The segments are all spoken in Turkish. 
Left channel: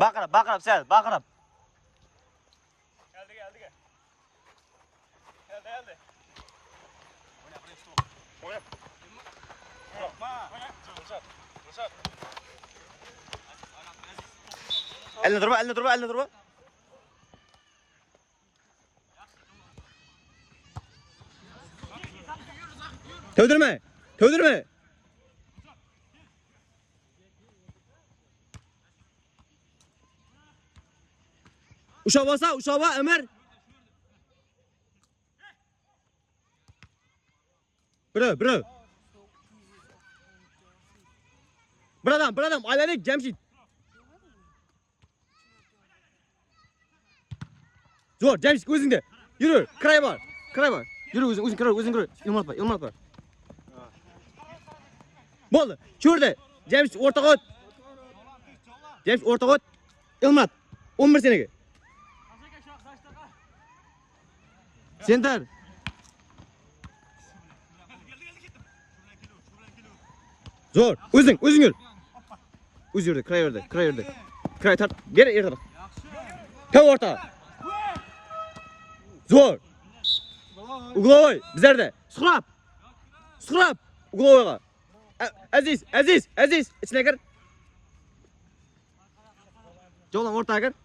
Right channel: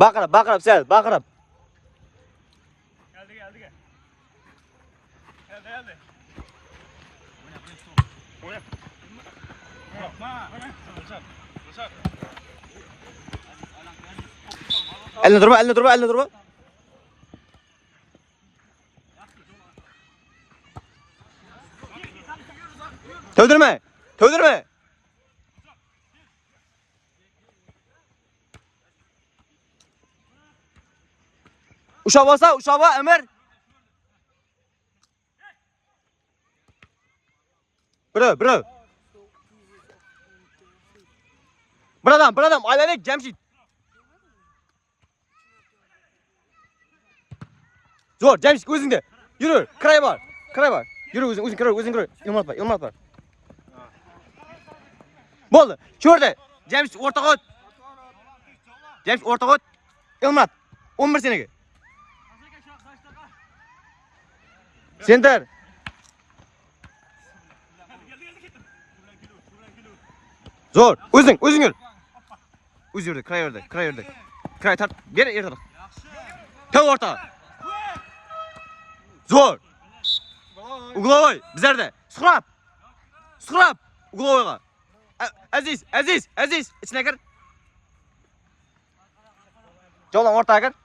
Baqirib sen, baqirib. Geldi. Eline durma. Tövdürme. Uşağı basa, Ömer. Bro. Buradan, aylanek Cemşit. Zor, Cemşit özünde. Yürü, kray var. Yürü özün kray. Yılmaz var. Boldu. Şurada. Cemşit orta kot. Yılmaz. 11 seneki. Center. Zor. Özün yürü. Uz yürü, kray yürü. Kray tart. Geri ertaraq. Tev orta. Zor. Uglovoy bizlerde. Sıkrap. Uglovoyga. Aziz. İçine gir. Jo'lan ortaga gir.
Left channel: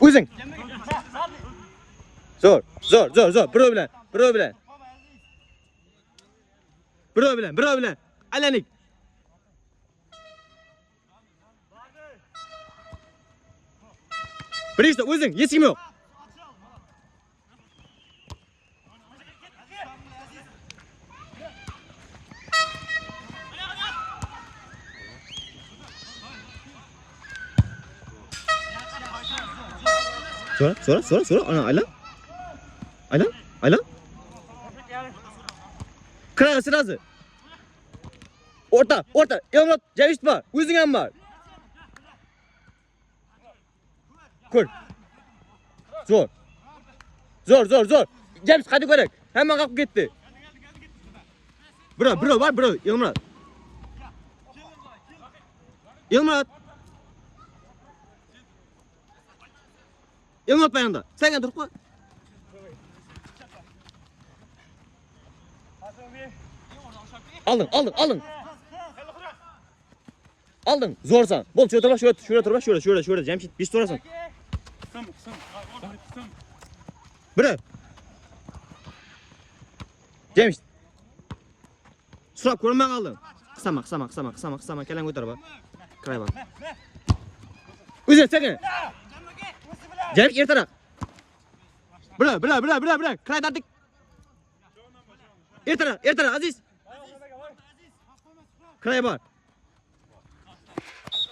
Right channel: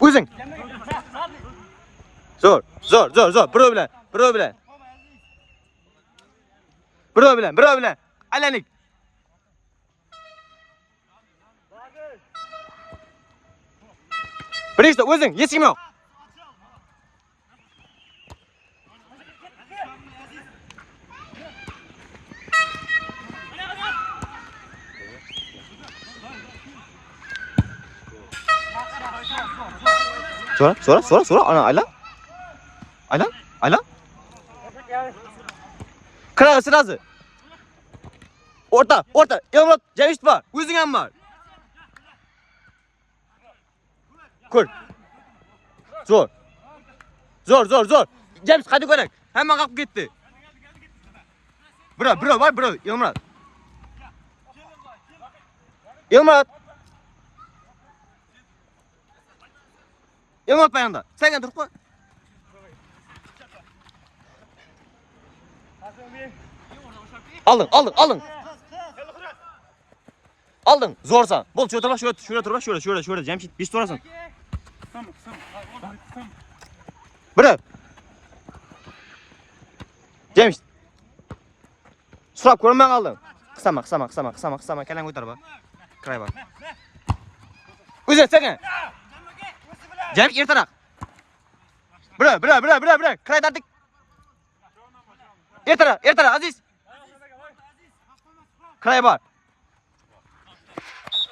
O'zing. Zor. Birov bilan. Alanik. Birishda o'zing, hech kim yo'q. So'ra. Ana aylan. Kira sırası. Orta. Yılmaz Cemşit var. O'zing ham var. Kur. Zor. Cemşit hadi ko'rak. Hamma qalqib ketdi. Bro var. Yılmaz payanda. Sen turib qo'y. Aldın. Zorsan. Bol şuraya. Cemşit bir sorasan. Bırak. Cemşit. Surap ko'rmay qoldim. Qisama. Kalang o'tar bor. Kiray bor. O'zi sen. Cemşit ertaroq. Bırak. Kiray tartik. Ertaroq Aziz. Kiray bor.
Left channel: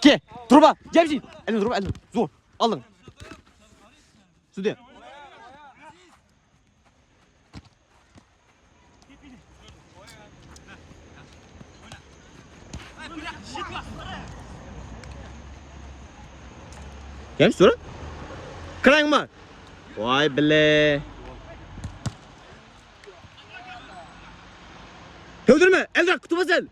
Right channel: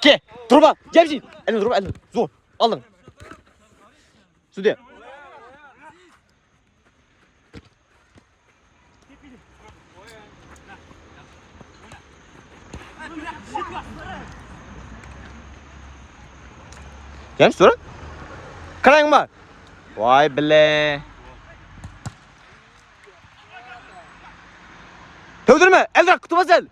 Ke, turba, Cemşit. Elini. Zor. Aldın. Sude. Cemşit dur. Karang mı? Vay bile. Tövdürme. Elrak kutubaz el.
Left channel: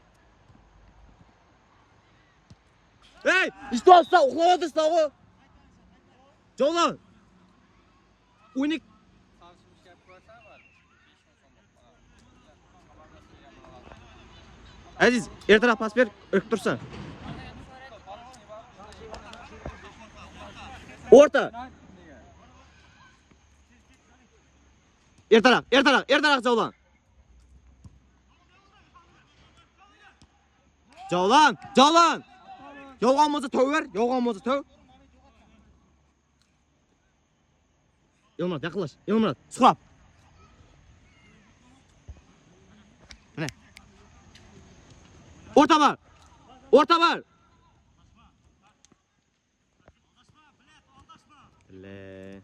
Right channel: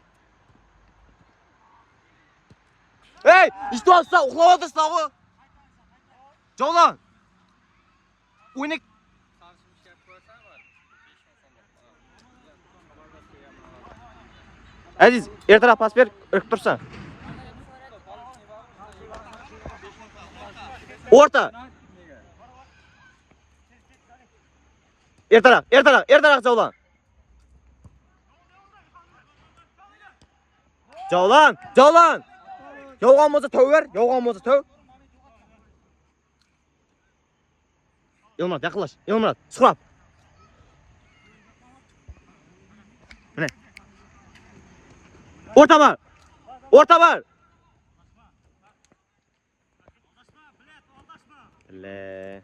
Hey, işte olsa uğlavadı o. Çoğlan. Unik. Aziz, ertaraq pas ber, ırk dursan. Orta. Ertaraq Çoğlan. Çoğlan. Yolğanmazı töv ver, töv. Yılmaz, yakınlaş. Sıkap. Bu ne? Orta var. Le.